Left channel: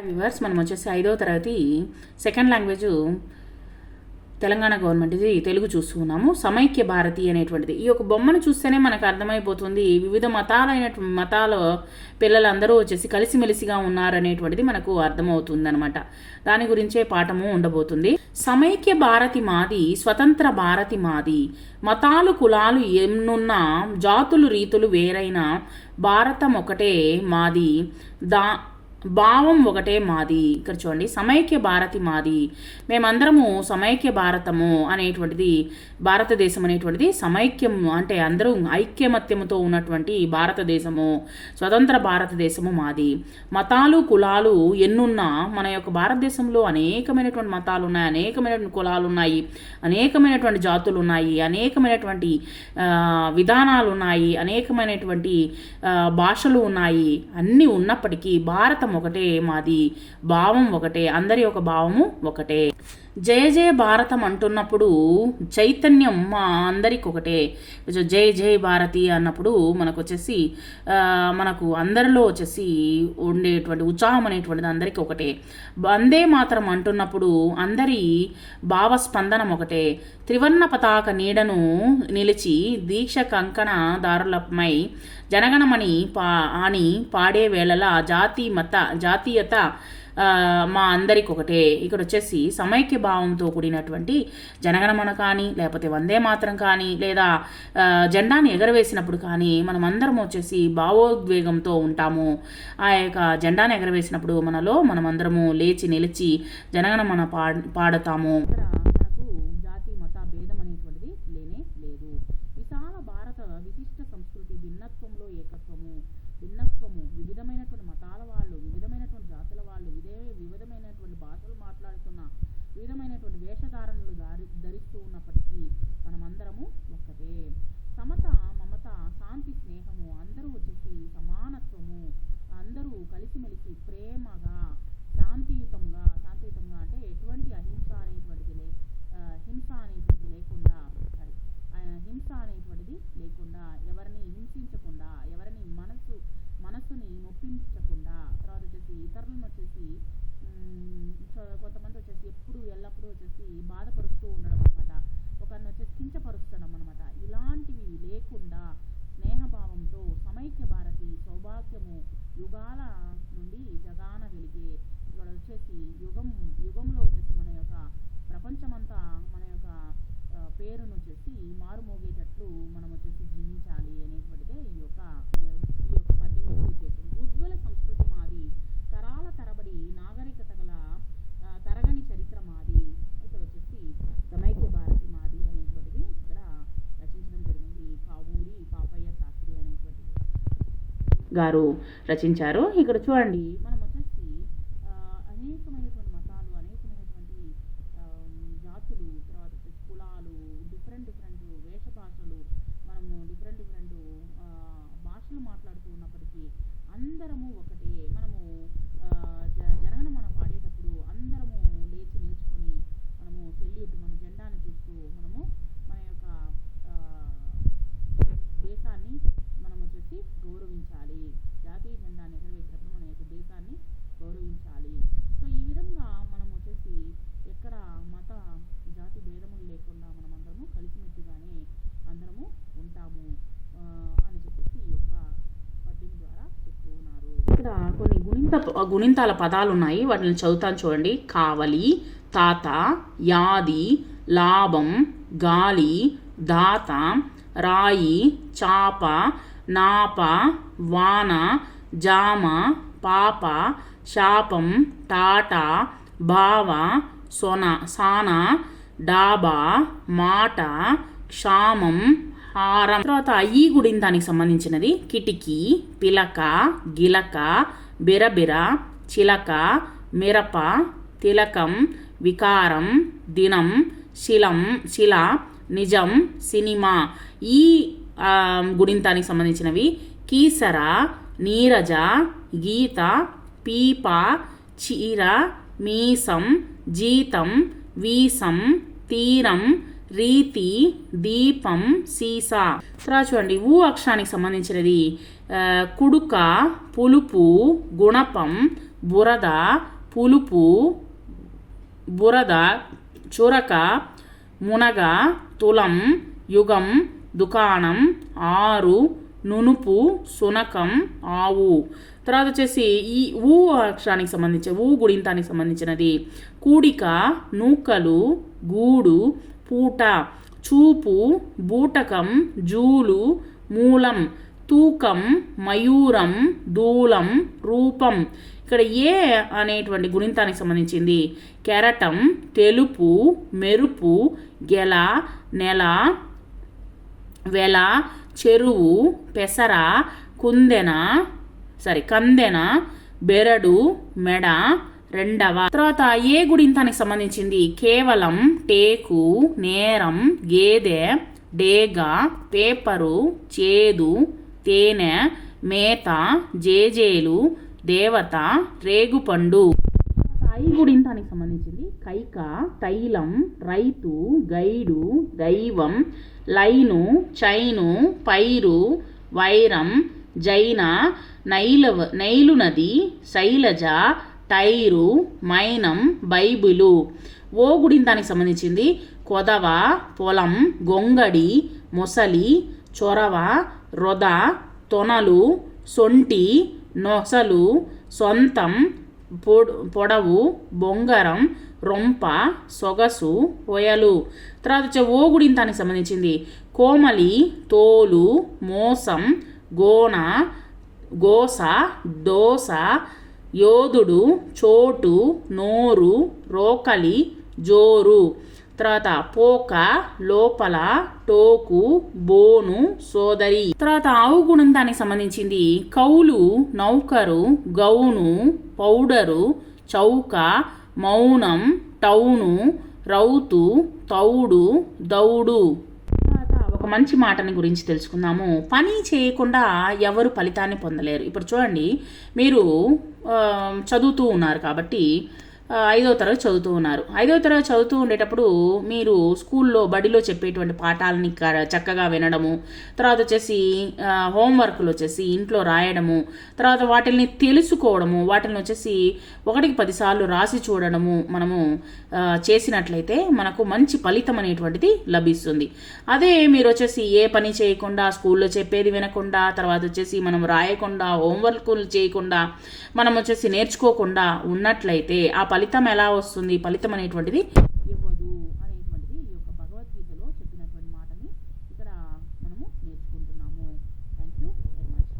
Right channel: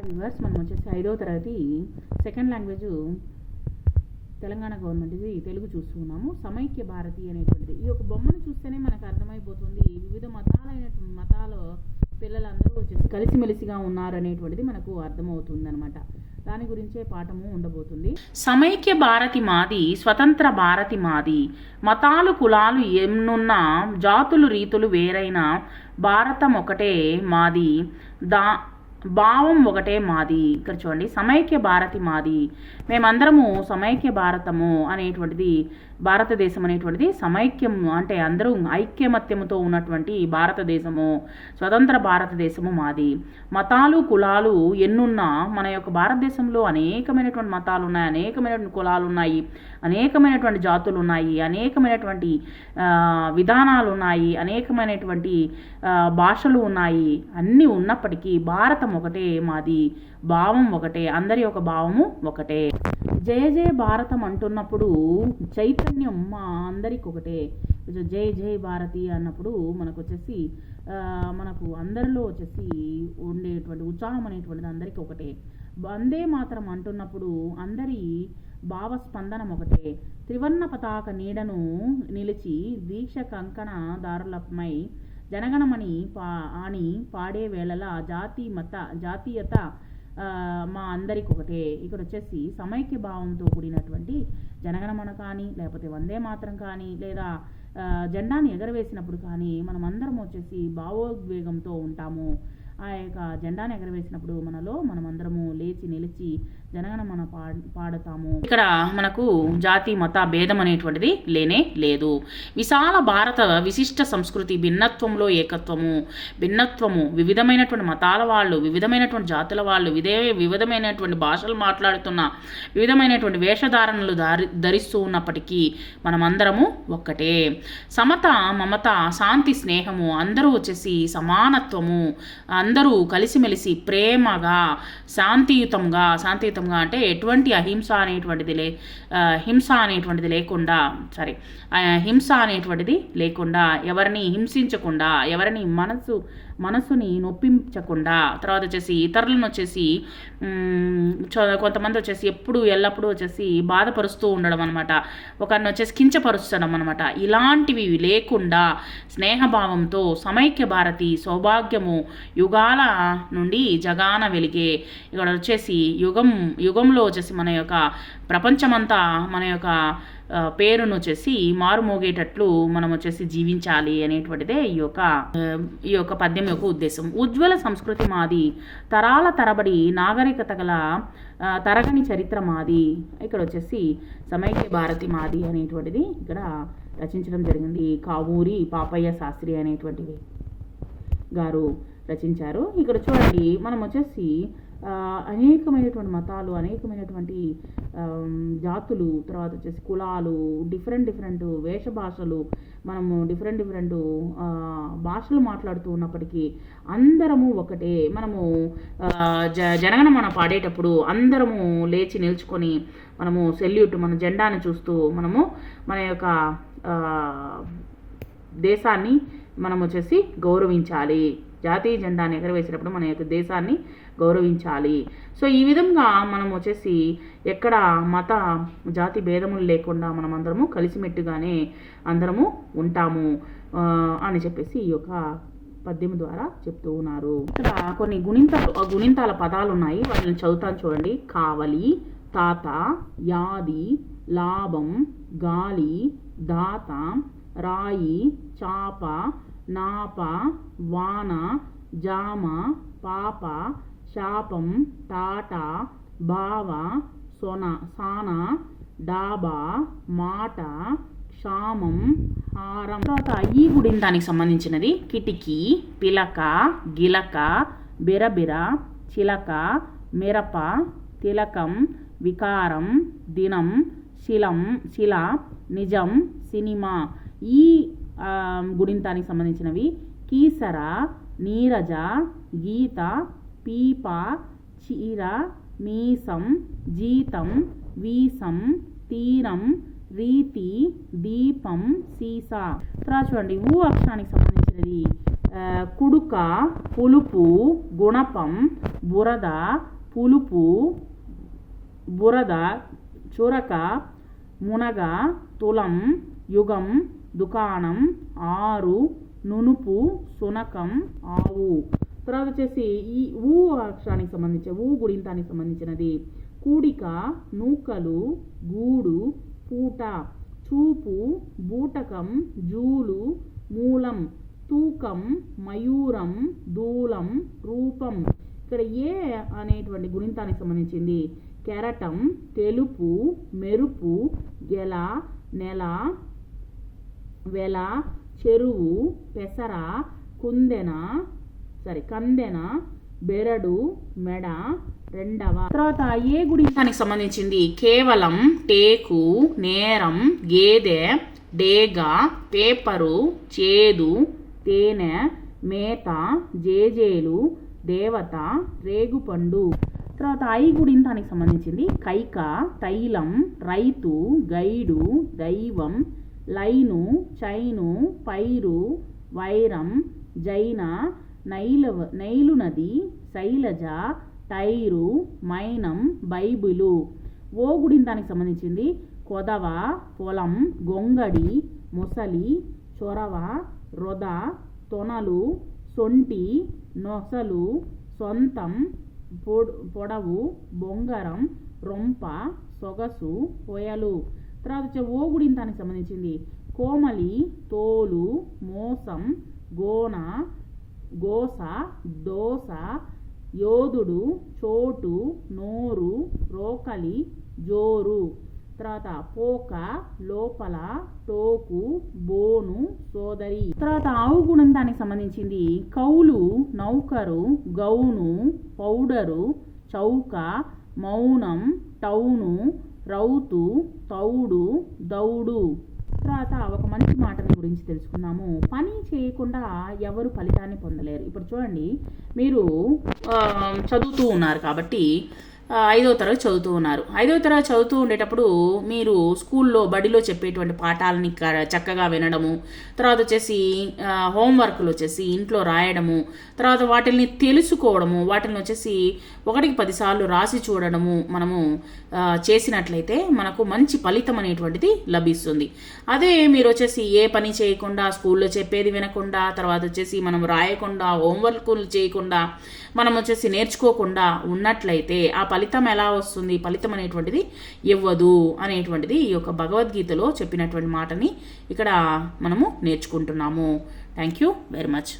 Viewers మనం వచ్చేసి ఐదో తరగతి సెకండ్ లాంగ్వేజ్ తెలంగాణ గవర్నమెంట్ ఇది తెలుగు చూస్తున్నాము. సమైక్య భారతి అనేటువంటిది. ఈ యొక్క బొమ్మను చూస్తేనే మనకు అర్థమైపోతుంది. వివిధ మతాలైన మతాల పిల్లలందరూ వచ్చేసి కలిసిమెలిసిగా ఉన్నారనేటువంటిది మనకు అర్థమవుతుంది అనమాట దాని గురించే పాఠము ఉండబోతుంది. సమైక్య భారతి మాది స్వతంత్ర భారతి మాది. మతాలు కులాలు ఎన్నున్నా జాతులు రీతులు వేరైన భారతం ఒకటే మాది. దా భావం ఒకటే మాది. ఇక్కడ చూడండి సమైక్య భారతి మాది. మేమందరము సమైక్య భారతము అనేటువంటిది భారతదేశం అనేటువంటిది సమైక్యం అంటే అందరూ ఐక్యమత్యముతో ఉన్నటువంటి భారతదేశము స్వతంత్ర భారతదేశము మాది. మతాలు కులాలు ఎన్నున్నా మన యొక్క భారతదేశంలో అనేకమైనటువంటి మతాలు ఉన్నాయి అనేకమైనటువంటి కులాలు ఉన్నాయి అనేకమైనటువంటి జాతులు ఉన్నాయి అనేకమైనటువంటి విధానాలు ఉన్నాయి అనేకమైనటువంటి భాషలు ఉన్నాయి. అన్నీ ఉన్నప్పటికీ భారతం ఒకటే మాది భావం ఒకటే అందరి యొక్క భావము ఒకటే. జయ జయ భారతం అంటున్నప్పుడు చైతన్యం మా అందరికి ఒకటే. జయ జై జై భారతి అన్నప్పుడు మనకు వచ్చేసి మనకు అందరిలో వచ్చేసి ఉండేటువంటి ఉత్సాహం అనేటువంటిది అందరికీ ఒకటే. వందే మాత్రం అంటున్నప్పుడు అందరి భావస్పందనం ఒకటే. త్రివర్ణ పతాక నీడను నిలిచి దీక్ష కంకణ దారులపై జనగణమని పా అని పాడే వేళలా జాతి మత జాతీయత మా అందరికి ఒకటే ఇక్కడ వచ్చేసి సమైక్య భావంతో కూడినటువంటి జనగణమన కానీ లేకపోతే వందే మాత్రం కానీ లేదా జెండాని ఎగరవేసినప్పుడు కానీ మనం అందరం వచ్చేసి భావోద్వేగంతో ఉంటాము. ఆ యొక్క జెండాని ఎగరవేసినప్పుడు మనలో మనం అందరము లేచి నిలిచి జనగణమన పా పాడతాము. ఇక్కడ మనకు జాతి మత భేదం అనేటువంటిది లేనే లేదు. విశాల భారత విశిష్ట సంస్కృతి భిన్నత్వంలో ఏకత్వము భిన్నత్వము వివిధమైనటువంటి మతాల వాళ్ళు వివిధమైనటువంటి జాతుల వాళ్ళు విదే వివిధమైనటువంటి భాషలు మాట్లాడుతున్న వివిధమైనటువంటి వేషధారణలు దారి ధరిస్తూ ఉన్నప్పటికీ మనమందరము ఒక్కటే. సమత మమత శాంతి స్నేహము అందరూ వచ్చేసి సమానత్వము అందరూ కలిసిమెలిసి ప్రేమగా శాంతియుతంగా శాంతియుతంగా అంటే ఎటువంటి అహింస అనేటువంటిది లే హింస అనేటువంటిది లేకుండా సారీ హింస అనేటువంటిది లేకుండా ఎవరిని హింసించకుండా ఎవరిని మనసు మనసుని నొప్పించకుండా తర్వాత వచ్చేసి ఇతరులను వచ్చేసి చ- కొంతమంది వచ్చేసి ఎప్పుడు ఎల్లప్పుడూ వచ్చేసి బాధపరుస్తూ ఉండడం అనమాట ఒకరిని వచ్చేసి కించపరుచడం అనమాట ఇలాంటివి లేకుండా స్నేహభావంతో సమైక్య భారతి సౌభాగ్యము యుగాల నుండి జగాన వెలిగే ఇక్కడ వచ్చేసి యుగం యుగంలో వచ్చేసి మన యొక్క ప్రపంచమంతా మన యొక్క పేరును వచ్చేసి మారుమోగేటట్లు మనం వచ్చేసి జీవించాలి అనేటువంటిదే ఈ యొక్క ఈ యొక్క పద్యం యొక్క ఉద్దేశం. ఉజ్వల సంస్కృతి మాది తరాల తరబడి నాగరికత గల తరగని చరిత్ర మాది ఇక్కడ వచ్చేసి సమైక్య భారతి మాది అనేటువంటిది ఇక్కడ రచించడం జరిగింది. కావూరి పాపయ్య శాస్త్రి అనేటువంటిది గారు రచించారు. ఇక్కడ చూడండి మనం వచ్చేసి అనేకమైనటువంటి మతాలు అనేకమైనటువంటి జాతులు తర్వాత వచ్చేసి కులాలు డిఫరెంట్ డిఫరెంట్ వేష భాషలు మనము డిఫరెంట్ డిఫరెంట్ భాషలు మాట్లాడుతూ ఉన్నప్పటికీ అందరము ఒకటే. మనము జ జనగణ మన పాడేటప్పుడు అందరము లేచి నిల్చుకొని మనము సెల్యూట్ మన జెండాను చూస్తూ మనము మన యొక్క దేశాన్ని మనం వచ్చేసి గౌరవించాలి. జాతీయ జెండాని ఎగరవేసినప్పుడు మన యొక్క దేశాన్ని గౌరవించాలి. సో ఈ విధంగా మనం వచ్చేసి ఎక్కడ మత జాతి భేదములు లేకుండా మనం అందరము కలిసిమెట్టుగానే అందరము ఉంటాము అని చెప్పేసి ఈ యొక్క పద్యం ద్వారా చెప్తూ ఉన్నారు. ఇక్కడ కొన్ని గుణింత గుణింతాల పదాలు ఉన్నాయి వాటిని చదువుతాను చూడండి. కావలి తాత యాది లాభం గాలి దాత రాయి చాప నాప వాన జామ పాప శాపం టాట భావ సొన సాన డాబా మాట క్షామం హారం. తర్వాత ఈ గుడింతానికి సంబంధించినది కిటికీ పిలక గిలక బిరబిర చిలక మిరప తిలకం వికారం దినం శిలం శిల నిజం సినిమా. ఈ గుణింతానికి గుడింతానికి సంబంధించినవి. కీసర నీరజ గీత పీప చీర మీసం జీతం వీసం తీరం రీతి దీపం సీసా. తర్వాత చూడండి ఊ అక్షరానికి సంబంధించినది. కుడుక పులుపు గుణపం బురద పులుపు బురద చురక మునగ తులం యుగం దుకాణం ఆరు నునుపు సునకం ఆవు. తర్వాత వచ్చేసి ఈ ఊ అక్షరానికి సంబంధించి ఊ గుడింతానికి సంబంధించినది. కూడిక నూకలు గూడు పూట. చూపు బూటకం జూలు మూలం. తూకం మయూరం దూలం రూపం. ఇక్కడ ఏ అనేటువంటి గుణింతానికి సంబంధించింది? కెరటం తెలుపు మెరుపు గెల నెల వెల చెరువు పెసర కుందెన సారీ కందెన బెరడు మెడ రెండవ. తర్వాత ఏ గుడింతానికి సంబంధించింది? కేవలం టేకు నేరం గేదె డేగ పేపరు చేదు తేనె మేత జేజేలు దేవత రేగుపండు. తర్వాత ఐ గుడింతానికి సంబంధించింది? కైక తైలం రైతు గైడు దైవం లైను చైను పైరు వైరం జైన నైలవ నైలు నది శైలజ టైరు మైనం బైబిలు. ఓ దానికి సంబంధించింది కొదవ పొలం గొంగడి మొసలి చొరవ రొద తొనలు సొంటి నొసలు సొంతం పొడవు బొంగరం రొంప సొగసు ఒయలు తర్వాత వచ్చే ఓ గుడింతానికి సంబంధించింది. కోమలి తోలు మోసం గోన గోస దోస యోధుడు చోటు నోరు రోకలి జోరు. తర్వాత పోక లోపల టోకు బోను సోదరి. తర్వాత ఆవు గుణం దానికి సంబంధించింది. కౌలు నౌకరు గౌను పౌడరు చౌక మౌనం టౌను రౌతు తౌడు దౌడు. తర్వాత ఒక మంచి మాటని గురించి తెలుసుకుందాము. పని చేయకుండా ఎవరు ఫలితాన్ని పొందలేరు. ఇప్పుడు చూడండి మీరు చదువుతూ ఉన్నారు కాబట్టి ఐదో తరగతి చదువుతూ ఉన్నారు. ఐదో తరగతి చదువుతూ ఉండేటప్పుడు మీరు స్కూల్లో బడిలో చెప్పేటువంటి పాఠాలని చక్కగా వినడము తర్వాత వచ్చేసి హోంవర్క్లు వచ్చేసి ఇంట్లో రాయడము తర్వాత వాటిని తెలుసుకోవడము వాటిని వచ్చేసి ఒకటికి పదిసార్లు రాసి చూడడము మనము చేసినట్లయితే మనకు మంచి ఫలితం అనేటువంటిది లభిస్తుంది. అదే మీరు వచ్చేసి ఏ పని చేయకుండా స్కూల్లో చెప్పేది వినకుండా తర్వాత వచ్చేసి మనం రాయకుండా హోంవర్క్లు చేయకుండా మనం వచ్చేసి నేర్చుకోకుండా ఉన్నట్లయితే ఆ ఫలితం ఎలా వస్తుంది? ఫలితం అనేటువంటిది ఇవ్వదు అనేటువంటిది ఈ యొక్క భగవద్గీతలో చెప్పినటువంటి మాటని ఇక్కడ మనము నేర్చుకుంటున్నాము. Thank you very much